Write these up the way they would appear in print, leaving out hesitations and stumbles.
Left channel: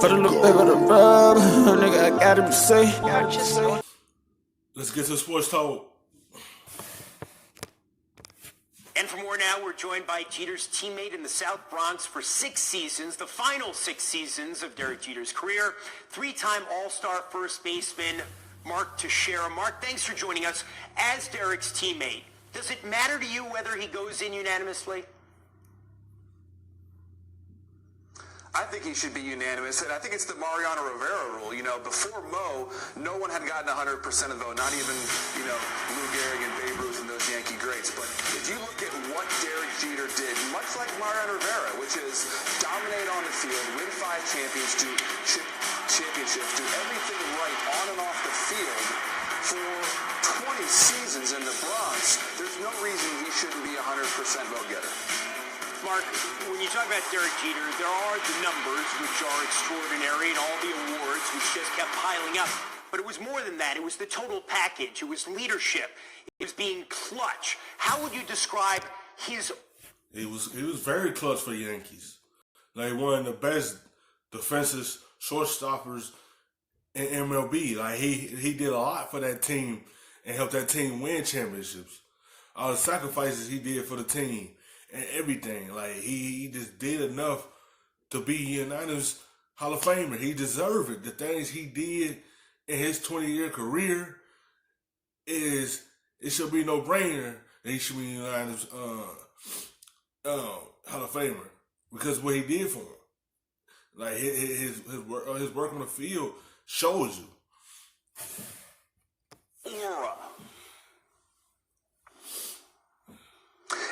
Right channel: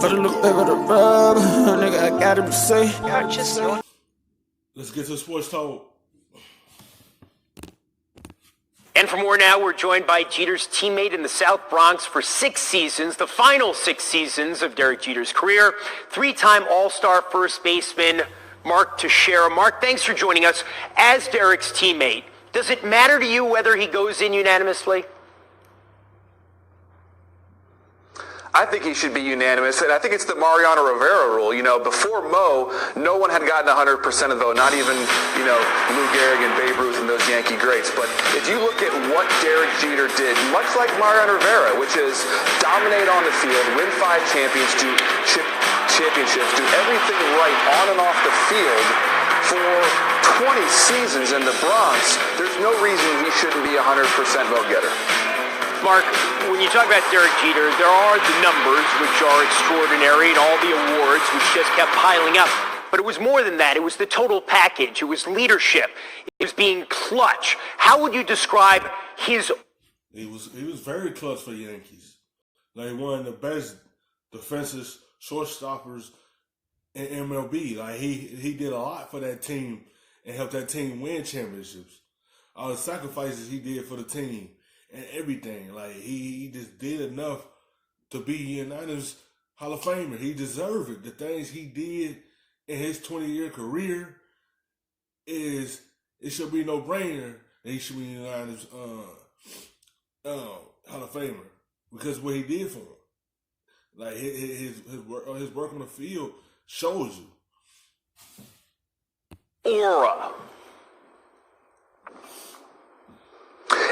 Put a little bit of the rub, nigga, I gotta be safe. Let's get to sports talk. And for more now, we're joined by Jeter's teammate in the South Bronx for 6 seasons, the final 6 seasons of Derek Jeter's career, 3-time All-Star first baseman Mark Teixeira. Mark, thanks for joining us. As Derek's teammate, does it matter to you whether he goes in unanimously? I think he should be unanimous, and I think it's the Mariano Rivera rule. You know, before Mo, no one had gotten 100% of the vote, not even, Lou Gehrig and Babe Ruth and those Yankee greats. But if you look at what Derek Jeter did, much like Mariano Rivera, which is dominate on the field, win 5 championships, do everything right on and off the field for 20 seasons in the Bronx, there's no reason he shouldn't be a 100% vote getter. Mark, when you talk about Derek Jeter, there are the numbers, which are extraordinary, and all the awards, which just kept piling up. But it was more than that. It was the total package. It was leadership. It was being clutch. How would you describe his... He was very clutch for the Yankees. Like, one of the best defensive shortstoppers in MLB. Like, he did a lot for that team and helped that team win championships. All the sacrifices he did for the team. And everything. Like, he just did enough to be unanimous Hall of Famer. He deserved it. The things he did in his 20-year career it should be no-brainer that he should be unanimous Hall of Famer. Because what he did for him. Like, his work on the field shows you. Aura.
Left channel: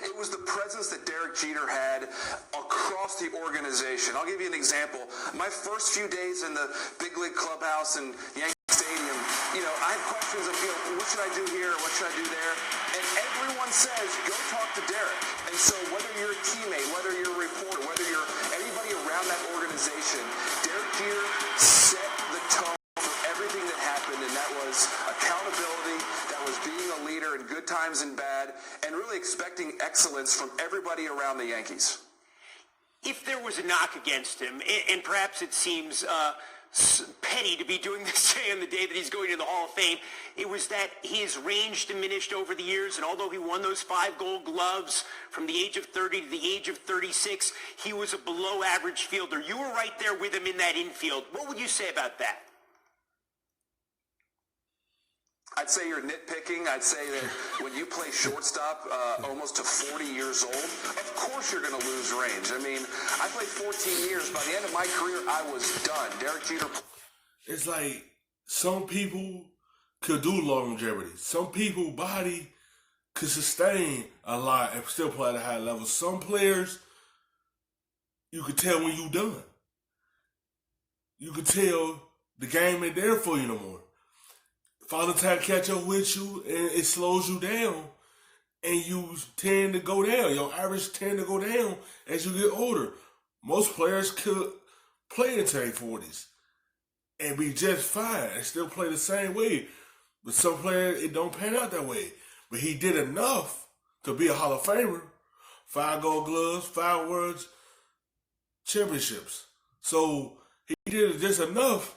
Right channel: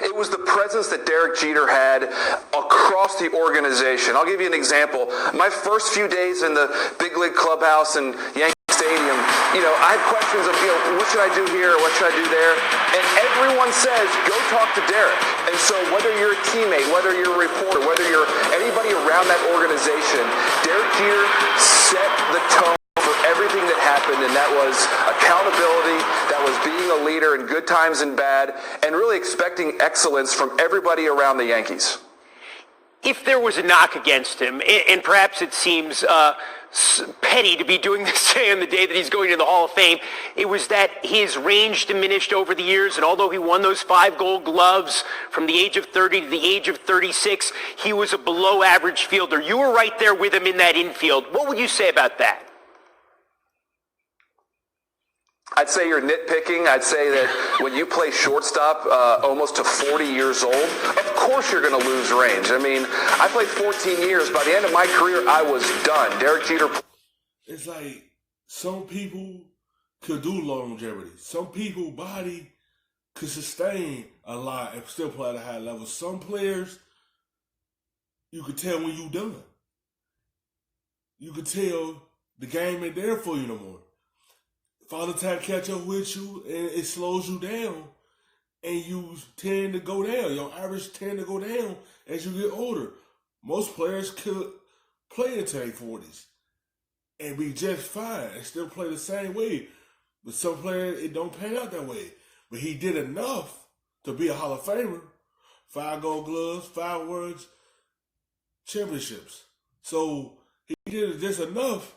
It was the presence that Derek Jeter had across the organization. I'll give you an example. My first few days in the big league clubhouse and Yankee Stadium, I had questions of, what should I do here? What should I do there? And everyone says, go talk to Derek. And so whether you're a teammate, whether you're a reporter, whether you're anybody around that organization, Derek Jeter set the tone for everything that happened, and that was accountability, that was being a leader in good times and bad, and really expecting excellence from everybody around the Yankees. If there was a knock against him, and perhaps it seems petty to be doing this on the day that he's going to the Hall of Fame, it was that his range diminished over the years, and although he won those 5 Gold Gloves from the age of 30 to the age of 36, he was a below-average fielder. You were right there with him in that infield. What would you say about that? I'd say you're nitpicking. I'd say that when you play shortstop almost to 40 years old, of course you're going to lose range. I mean, I played 14 years. By the end of my career, I was done. Derek Jeter. It's like some people could do longevity. Some people's body could sustain a lot and still play at a high level. Some players, you could tell when you're done. You could tell the game ain't there for you no more. Father time catch up with you, and it slows you down, and you tend to go down. Your average tend to go down as you get older. Most players could play into their 40s and be just fine and still play the same way. But some players, it don't pan out that way. But he did enough to be a Hall of Famer. 5 Gold Gloves, 5 World Championships. So he did just enough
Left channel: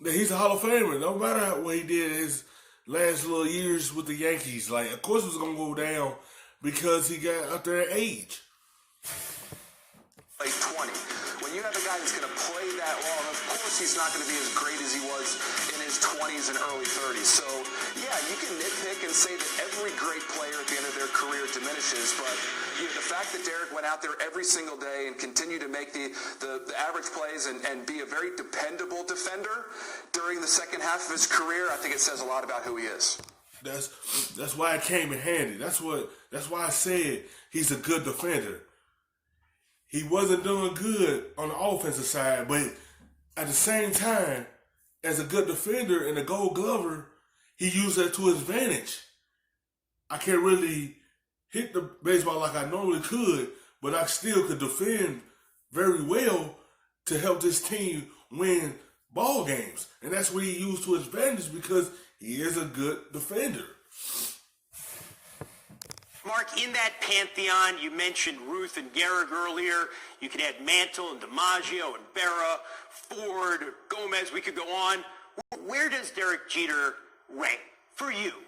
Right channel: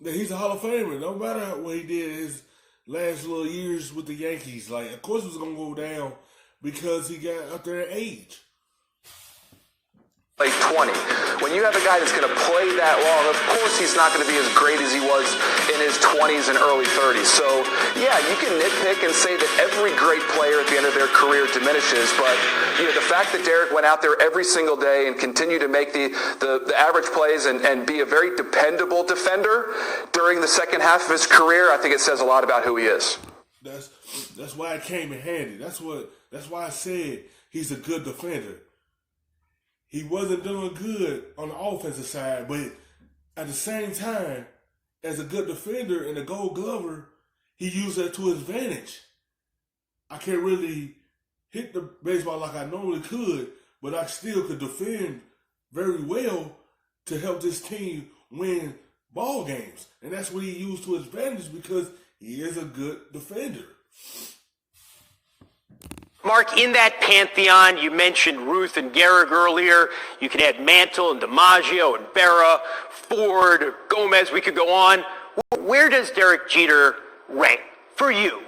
that he's a Hall of Famer, no matter what he did his last little years with the Yankees. Like, of course it was going to go down because he got up there in age. Like 20. When you have a guy that's going to play that long, of course he's not going to be as great as he was in his 20s and early 30s. So, yeah, you can nitpick and say that every great player at the end of their career diminishes, but the fact that Derek went out there every single day and continued to make the average plays and be a very dependable defender during the second half of his career, I think it says a lot about who he is. That's why it came in handy. That's why I said he's a good defender. He wasn't doing good on the offensive side, but at the same time, as a good defender and a Gold Glover, he used that to his advantage. I can't really hit the baseball like I normally could, but I still could defend very well to help this team win ball games. And that's what he used to his advantage because he is a good defender. Mark, in that pantheon, you mentioned Ruth and Gehrig earlier. You could add Mantle and DiMaggio and Berra, Ford, Gomez. We could go on. Where does Derek Jeter rank for you?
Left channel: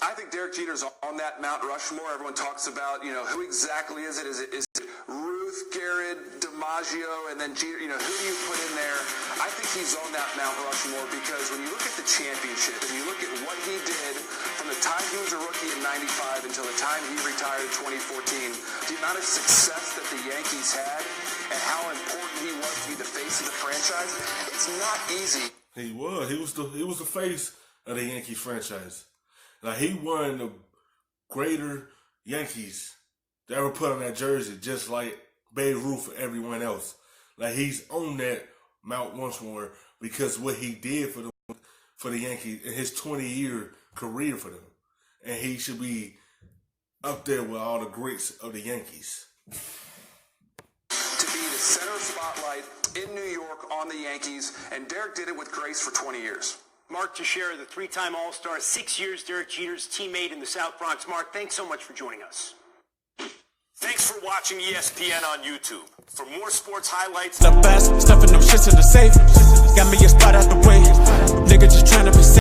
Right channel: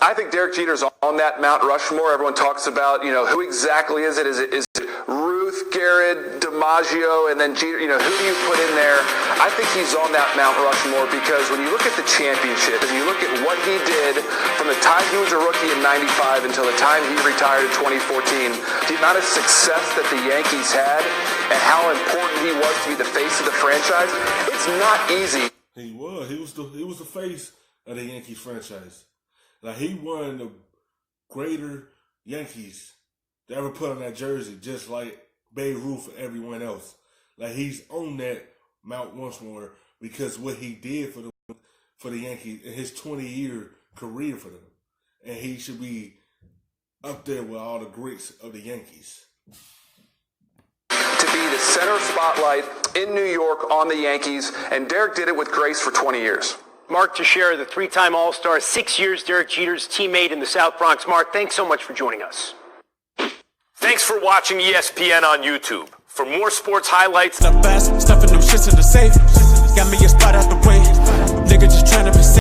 I think Derek Jeter's on that Mount Rushmore. Everyone talks about, who exactly is it? Is it Ruth, Gehrig, DiMaggio, and then Jeter? Who do you put in there? I think he's on that Mount Rushmore because when you look at the championship and you look at what he did from the time he was a rookie in '95 until the time he retired in 2014, the amount of success that the Yankees had and how important he was to be the face of the franchise, it's not easy. He was. He was the face of the Yankees franchise. Like, he won the greater Yankees to ever put on that jersey, just like Babe Ruth for everyone else. Like, he's on that Mount Rushmore because what he did for the Yankees in his 20-year career for them. And he should be up there with all the greats of the Yankees. To be the center spotlight in New York on the Yankees, and Derek did it with grace for 20 years. Mark Teixeira, the three-time All-Star, 6 years Derek Jeter's teammate in the South Bronx. Mark, thanks so much for joining us. Thanks for watching ESPN on YouTube. For more sports highlights, The best, stuffing them shits in the safe. Got me a spot out the way. Nigga just trying to be safe.